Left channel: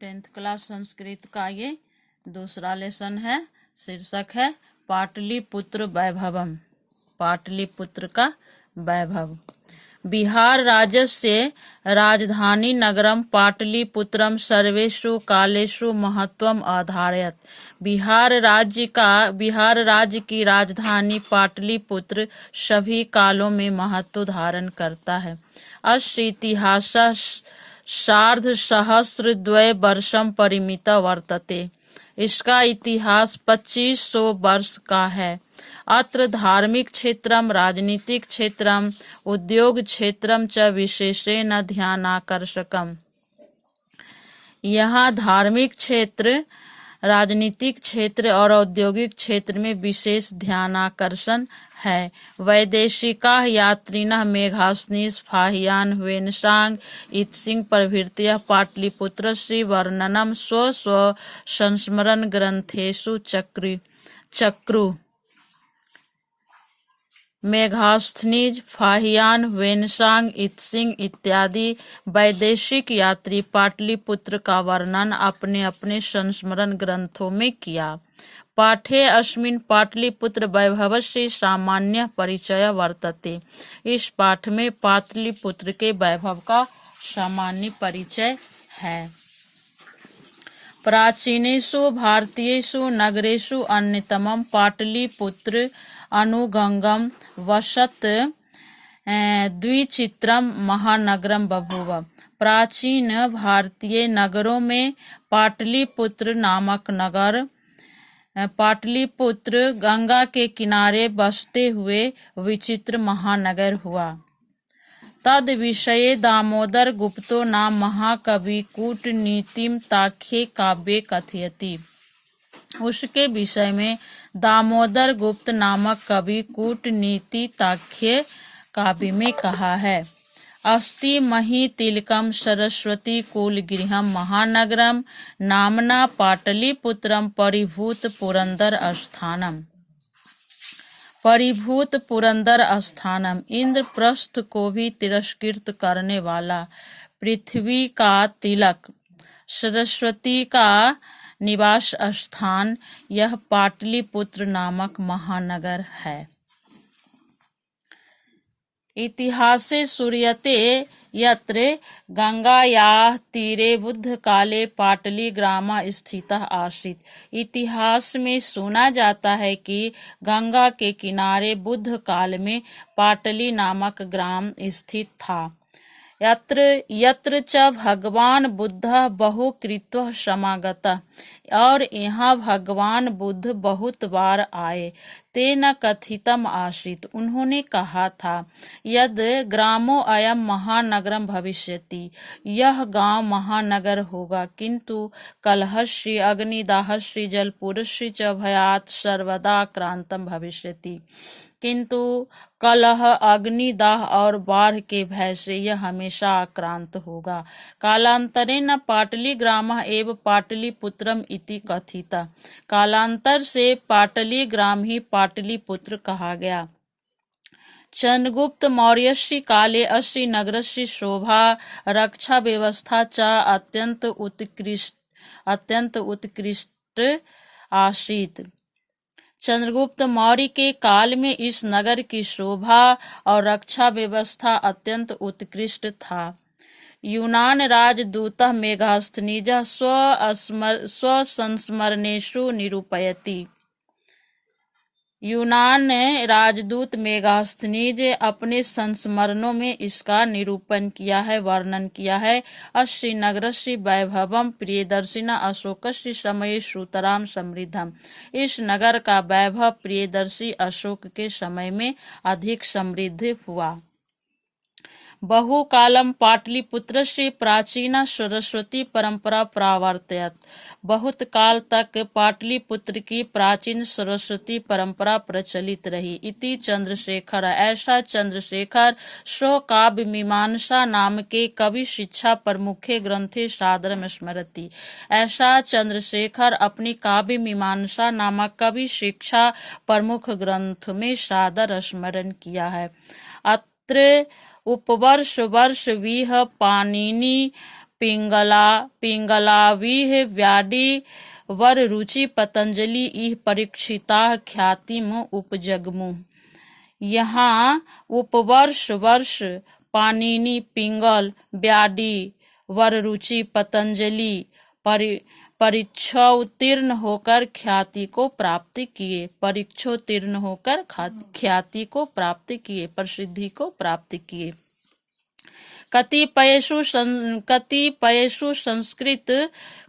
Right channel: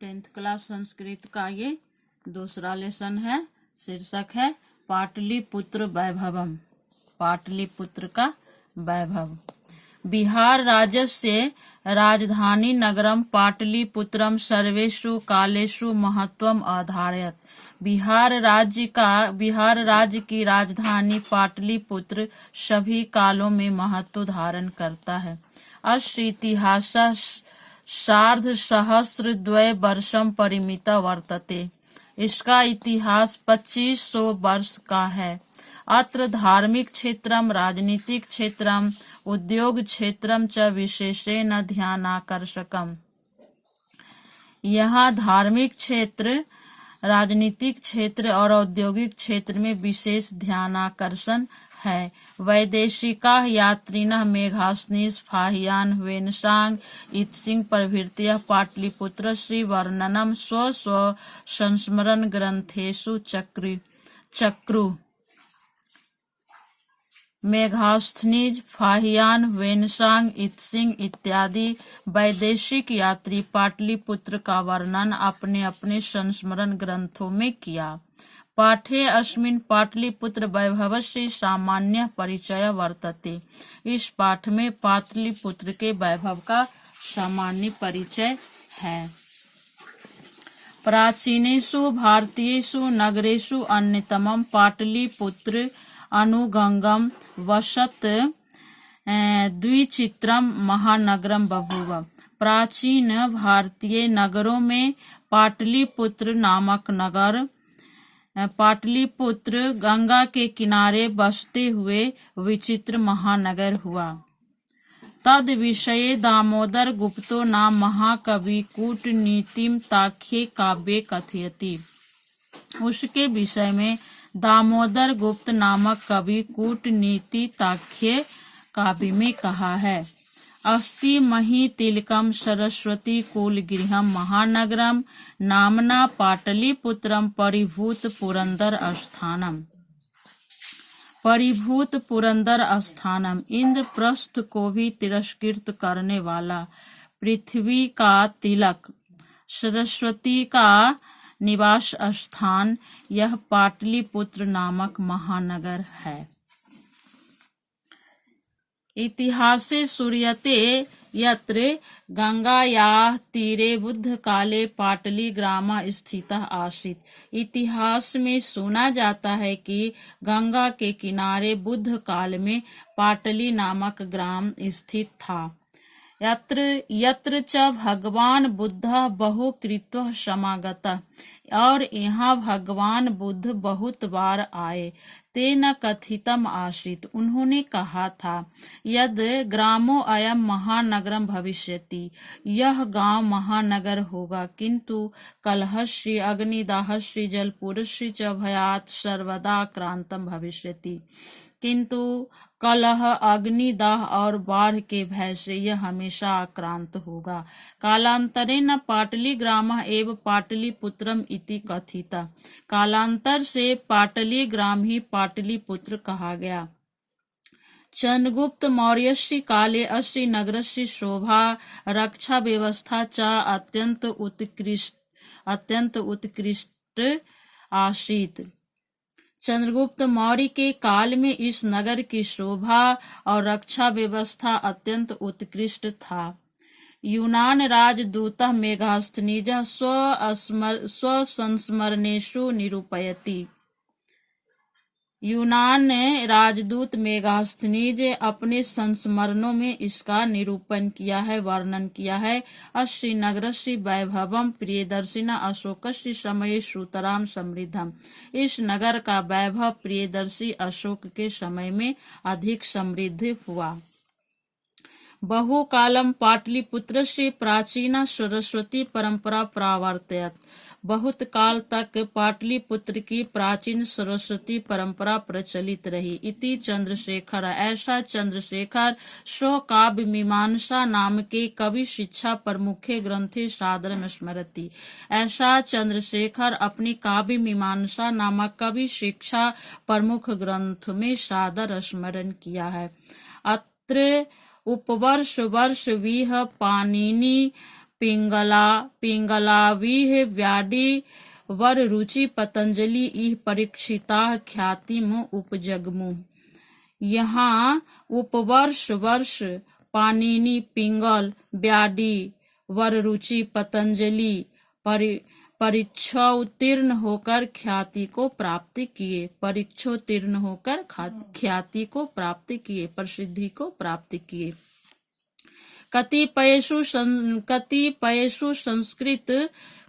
10th class Sanskrit का ये दूसरा लेसन है। शीर्षक है पाटलिपुत्र वैभवम। पाटलिपुत्र का वैभव। बिहार राज्यस्य राजधानी नगरम पाटलिपुत्रम सर्वेषु कालेषु महत्वम आधारयत। बिहार राज्य की राजधानी पाटलिपुत्र सभी कालों में महत्व धारण करता है। अस्य इतिहास सार्धसहस्र द्वय वर्षम परिमित वर्तते। इसका इतिहास 2500 वर्ष का है। अत्र धार्मिक क्षेत्रम, राजनीतिक क्षेत्रम, उद्योग क्षेत्रम च विशेषेण ध्यानाकर्षकम। यहाँ धार्मिक क्षेत्र, राजनीतिक क्षेत्र और औद्योगिक क्षेत्र में विशेष ध्यानाकर्षण है। वैदेशिका यात्रिनः मेघासनीस फाहियान वेनसांग इत्सिंग प्रभृतयः पाटलिपुत्रस्य वर्णनम स्व स्व संस्मरण ग्रंथेषु चक्रु। मेघास्थनीज, फाहियान, वेनसांग, इत्सिंग इत्यादि वैदेशिक यात्री पाटलिपुत्र का वर्णन अपने अपने संस्मरण ग्रंथों में किया। पाठे अस्मिन् पाटलिपुत्र वैभवस्य सामान्य परिचय वर्तते। इस पाठ में पाटलिपुत्र के वैभव का सामान्य परिचय है। प्राचीनेषु भारतीयेषु नगरेषु अन्यतमं पाटलिपुत्र अनुगंगम वसत द्विचित्रम महानगरम बभूव। प्राचीन भारतीय नगरों में पाटलिपुत्र नामक नगर, पाटलिपुत्र गंगा के किनारे बसते हुए विचित्र महानगर हुआ। तद विषये दामोदर गुप्तो नाम महाकवि कूटनीतिम ताख्ये काव्ये कथयति। उसके विषय में दामोदर गुप्त नामक कवि कूटनीति ताख्ये काव्य में कहा है। अस्ति मही तिलकम सरस्वती कुल गृहम महानगरम नामना पाटलिपुत्रम परिभूत पुरंदर स्थानम। परिभूत पुरंदर स्थानम इंद्रप्रस्थ को भी तिरस्कृत करने वाला, पृथ्वी का तिलक, सरस्वती का निवास स्थान यह पाटलिपुत्र नामक महानगर है। इतिहासे सूर्यते यत्र गंगायाः तीरे बुद्ध काले पाटली ग्राम स्थितः आसीत्। इतिहास में सुना जाता है कि गंगा के किनारे बुद्ध काल में पाटली नामक ग्राम स्थित था। यत्र च भगवान बुद्धः बहु कृत्वः समागतः। और यहाँ भगवान बुद्ध बहुत बार आए। तेन कथितम आसीत्, उन्होंने कहा था, यद ग्रामो अयम महानगरम भविष्यति, यह गांव महानगर होगा, किंतु कलहस्य अग्निदाहस्य जलपूरस्य च भयात् सर्वदा क्रांतम भविष्यति। किंतु कलह, अग्निदाह और बाढ़ के भय से यह हमेशा आक्रांत होगा। कालांतरेण पाटली ग्रामः एव पाटलिपुत्रम इति कथितः। कालांतर से पाटली ग्राम ही पाटलिपुत्र कहा गया। चंद्रगुप्त मौर्यस्य काले अस्य नगरस्य शोभा रक्षा व्यवस्था च अत्यंत उत्कृष्ट आसीत्। चंद्रगुप्त मौर्य के काल में इस नगर की शोभा और रक्षा व्यवस्था अत्यंत उत्कृष्ट था। यूनान राजदूतः मेघास्थनीजः स्वसंस्मरणेषु निरूपयति। यूनान राजदूत मेघास्थनीज अपने संस्मरणों में इसका निरूपण किया है, वर्णन किया है। अस्य नगरस्य वैभवम प्रियदर्शिना अशोकस्य समये श्रुतराम समृद्धम। इस नगर का वैभव प्रियदर्शी अशोक के समय में अधिक समृद्ध हुआ। बहुकालम पाटलिपुत्रस्य प्राचीना सरस्वती परंपरा प्रावर्तयत। बहुत काल तक पाटलिपुत्र की प्राचीन सरस्वती परंपरा प्रचलित रही। इति चंद्रशेखर, ऐसा चंद्रशेखर स्व काव्य मीमांसा नाम के कवि शिक्षा प्रमुखे ग्रंथे सादरम स्मरति। ऐसा चंद्रशेखर अपनी काव्य मीमांसा नामक कवि शिक्षा प्रमुख ग्रंथ में सादर स्मरण किया है। अत्र उपवर्ष वर्ष विह पाणिनि पिंगलाविः व्याडी वर रुचि पतंजलि इह परीक्षिता ख्यातिम उपजगमु। यहाँ उपवर्ष वर्ष पाणिनि पिंगल व्याडी वररुचि पतंजलि परीक्षोत्तीर्ण होकर ख्याति को प्राप्त किए। परीक्षोत्तीर्ण होकर ख्याति को प्राप्त किए, प्रसिद्धि को प्राप्त किए।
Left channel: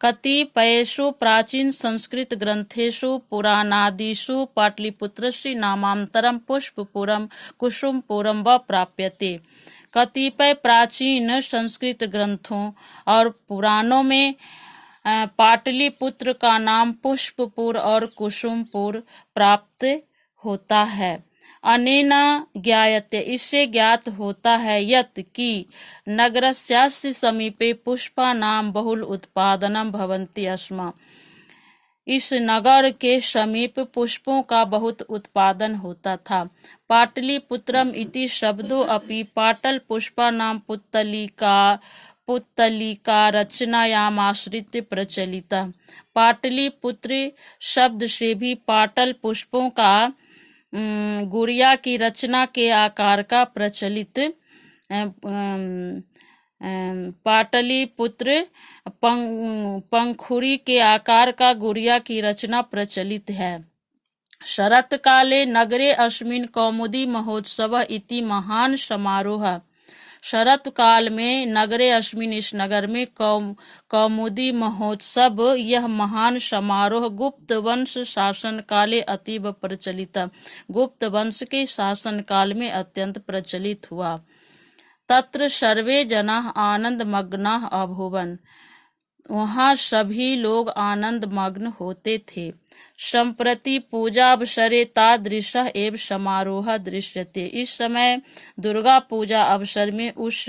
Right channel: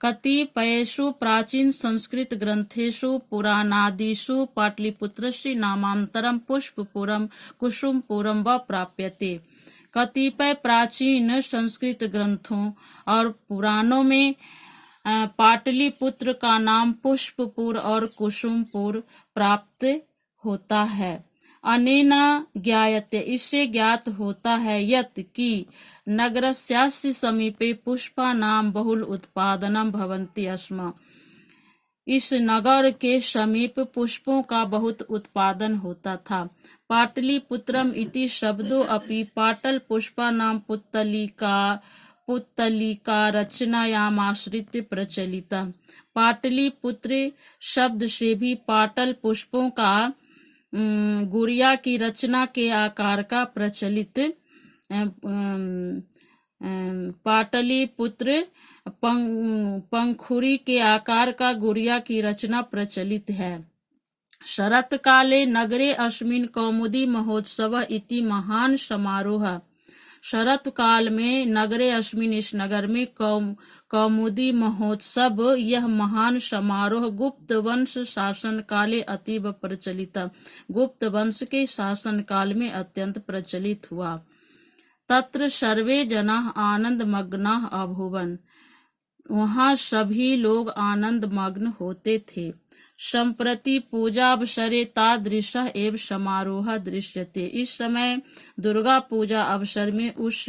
कतिपयेषु प्राचीन संस्कृत ग्रंथेषु पुराणादिषु पाटलिपुत्रस्य नामांतरं पुष्पपुरं कुसुमपुरं व प्राप्यते। कतिपय प्राचीन संस्कृत ग्रंथों और पुराणों में पाटलिपुत्र का नाम पुष्पपुर और कुसुमपुर प्राप्त होता है। अनेन ज्ञायते, इससे ज्ञात होता है, यत् कि नगरस्यास्य समीपे पुष्पानां बहुल उत्पादनम भवन्ति स्म। इस नगर के समीप पुष्पों का बहुत उत्पादन होता था। पाटलिपुत्रम इति शब्दो अपि पाटल पुष्पानां पुत्तलिका रचनायामाश्रित्य प्रचलितः। पाटलिपुत्र शब्द से भी पाटल पुष्पों का गुड़िया की रचना के आकार का प्रचलित पाटलिपुत्र पंखुड़ी के आकार का गुड़िया की रचना प्रचलित है। शरत काले नगरे अस्मिन् कौमुदी महोत्सव इति महान समारोह। शरत काल में नगरे अस्मिन्, इस नगर में कौमुदी महोत्सव, यह महान समारोह गुप्त वंश शासन काले अतीव प्रचलित, गुप्त वंश के शासन काल में अत्यंत प्रचलित हुआ। तत्र सर्वे जनाः आनंद मग्नाः अभूवन्, वहाँ सभी लोग आनंद मग्न होते थे। सम्प्रति पूजावसरे तादृशः एव समारोह दृश्यते, इस समय दुर्गा पूजा अवसर में उस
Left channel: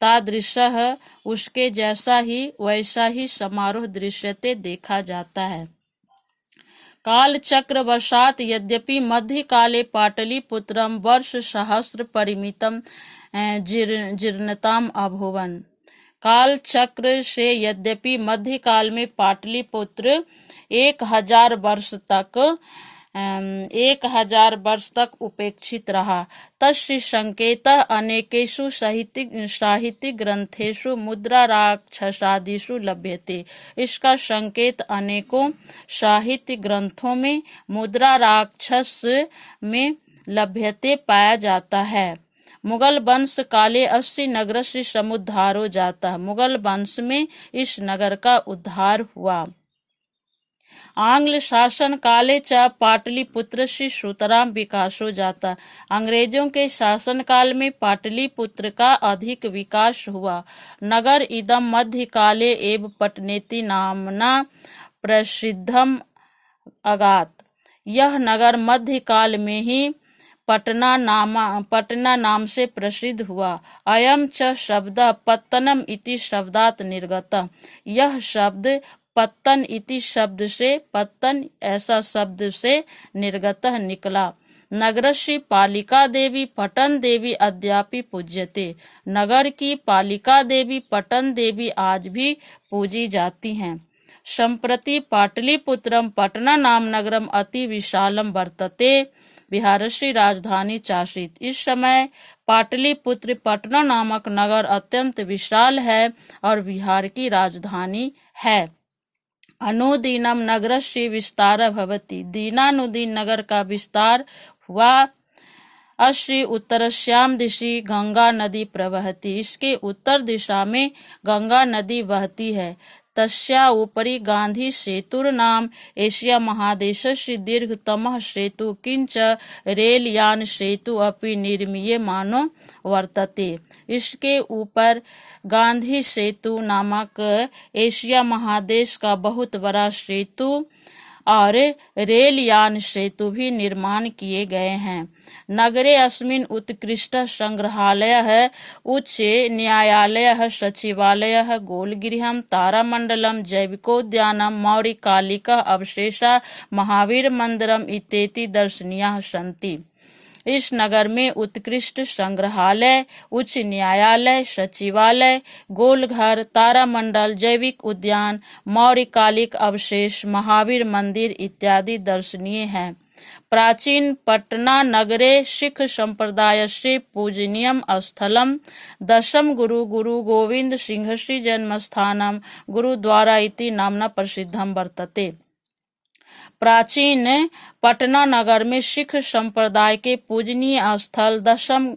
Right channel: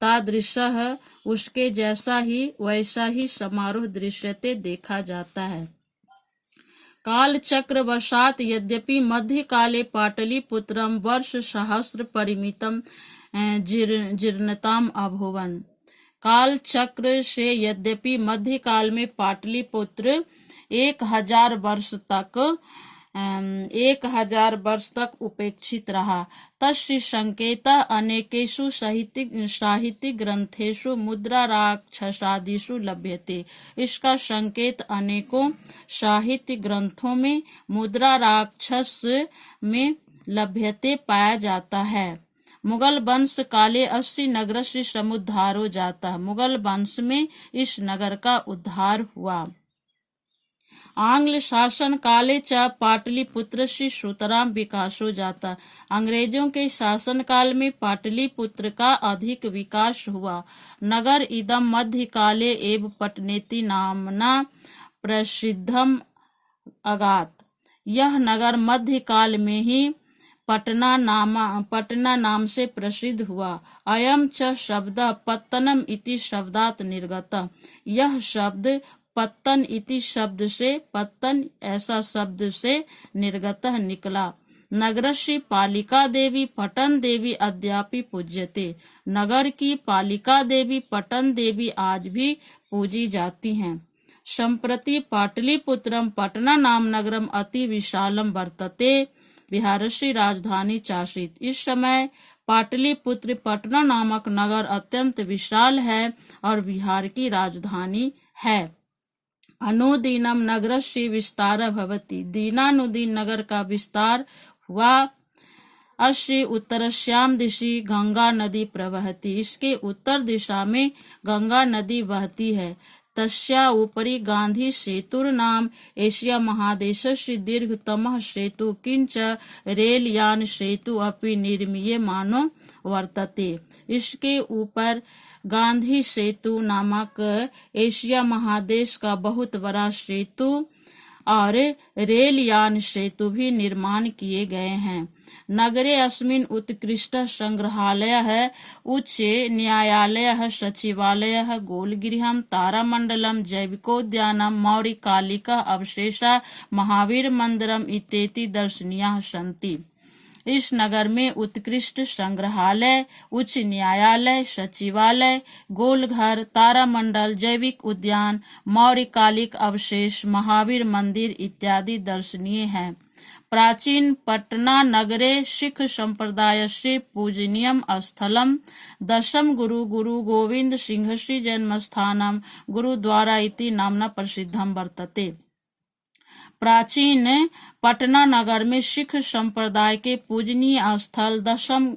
तादृशः, उसके जैसा ही वैसा ही समारोह दृश्यते, देखा जाता है। काल चक्रवशात् यद्यपि मध्यकाले पाटलिपुत्रं वर्ष सहस्र परिमितं जीर्णताम अभूवन्। काल चक्र से यद्यपि मध्यकाल में पाटलिपुत्र 1000 वर्ष तक उपेक्षित रहा। तस्य संकेतः अनेकेषु साहित्य ग्रंथेषु मुद्राराक्षसादिषु लभ्यते। इसका संकेत अनेकों साहित्य ग्रंथों में मुद्राराक्षस में लभ्यते पाया जाता है। मुगल वंश काले अस्य नगरस्य समुद्धारो जाता। मुगल वंश में इस नगर का उद्धार हुआ। आंग्ल शासन काले च पाटलिपुत्रस्य सुतरां विकासो जाता। अंग्रेजों के शासन काल में पाटलिपुत्र का अधिक विकास हुआ। नगर इदं मध्यकाले एव पटनेति नामना प्रसिद्धम अगात। यह नगर मध्यकाल में ही पटना नाम से प्रसिद्ध हुआ। अयं च शब्दः पत्तनम इति शब्दात् निर्गतः। यह शब्द पत्तन इति शब्द से, पत्तन ऐसा शब्द से निर्गतः निकला। नगरस्य पालिका देवी पटन देवी अद्यापि पूज्यते। नगर की पालिका देवी पटन देवी आज भी पूजी जाती हैं। सम्प्रति पाटलिपुत्रम पटना नाम नगरम अति विशालम वर्तते, बिहारस्य राजधानी चासीत। इस समय पाटलिपुत्र पटना नामक नगर अत्यंत विशाल है और बिहार की राजधानी है। अनुदिनम नगरस्य विस्तारः भवति, दीनानुदीन नगर का विस्तार हुआ। अस्य उत्तरस्यां दिशि गंगा नदी प्रवहति, इसके उत्तर दिशा में गंगा नदी बहती है। तस्या उपरि गांधी सेतुर्नाम एशिया महादेशस्य दीर्घतमः सेतु किंच रेलयान सेतु अपि निर्मीयमानो वर्तते। इसके ऊपर गांधी सेतु नामक एशिया महादेश का बहुत बड़ा सेतु और रेलयान सेतु भी निर्माण किए गए हैं। नगरे अस्मिन् उत्कृष्ट संग्रहालयः, उच्च न्यायालयः, सचिवालयः, गोलगृहं, तारामण्डलम्, जैविकोद्यानं, मौर्यकालिकः अवशेषः, महावीर मन्दिरम् इत्येति दर्शनीयाः सन्ति। इस नगर में उत्कृष्ट संग्रहालय, उच्च न्यायालय, सचिवालय, गोलघर, तारामंडल, जैविक उद्यान, मौर्यकालिक अवशेष, महावीर मंदिर इत्यादि दर्शनीय हैं। प्राचीन पटना नगरे सिख संप्रदायस्य पूजनीयम स्थलम दशम गुरु गुरु गोविंद सिंहस्य जन्मस्थानम गुरुद्वारा इति नाम्ना प्रसिद्धम वर्तते। प्राचीन पटना नगर में सिख संप्रदाय के पूजनीय स्थल दशम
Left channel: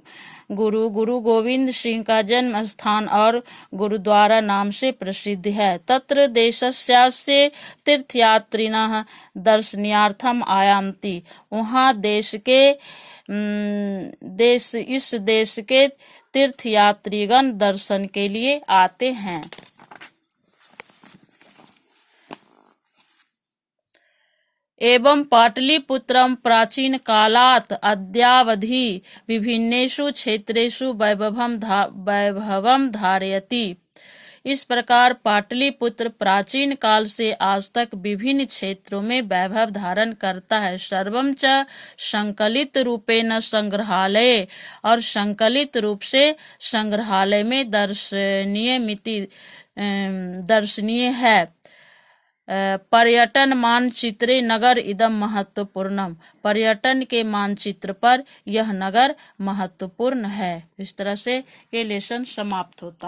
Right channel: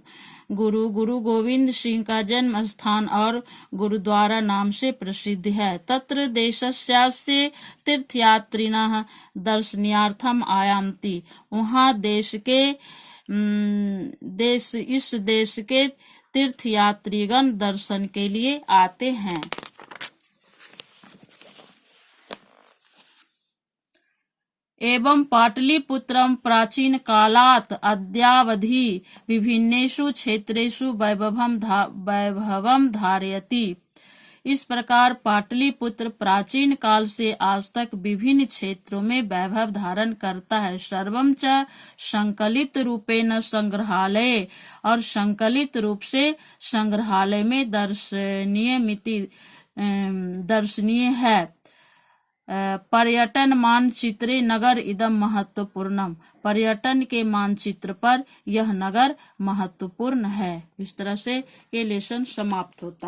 गुरु गुरु गोविंद सिंह का जन्म स्थान और गुरुद्वारा नाम से प्रसिद्ध है। तत्र देशस्यास्य तीर्थयात्रिणः दर्शनार्थम आयान्ति। वहाँ इस देश के तीर्थयात्रीगण दर्शन के लिए आते हैं। एवं पाटलिपुत्रम प्राचीन कालात् अद्यावधि विभिन्नेषु क्षेत्रेषु वैभवम धारयति। इस प्रकार पाटलिपुत्र प्राचीन काल से आज तक विभिन्न क्षेत्रों में वैभव धारण करता है। सर्वं च संकलित रूपेण संग्रहालय, और संकलित रूप से संग्रहालय में दर्शनीय है। पर्यटन मानचित्रे नगर इदम महत्वपूर्णम। पर्यटन के मानचित्र पर यह नगर महत्वपूर्ण है। इस तरह से ये लेसन समाप्त होता है।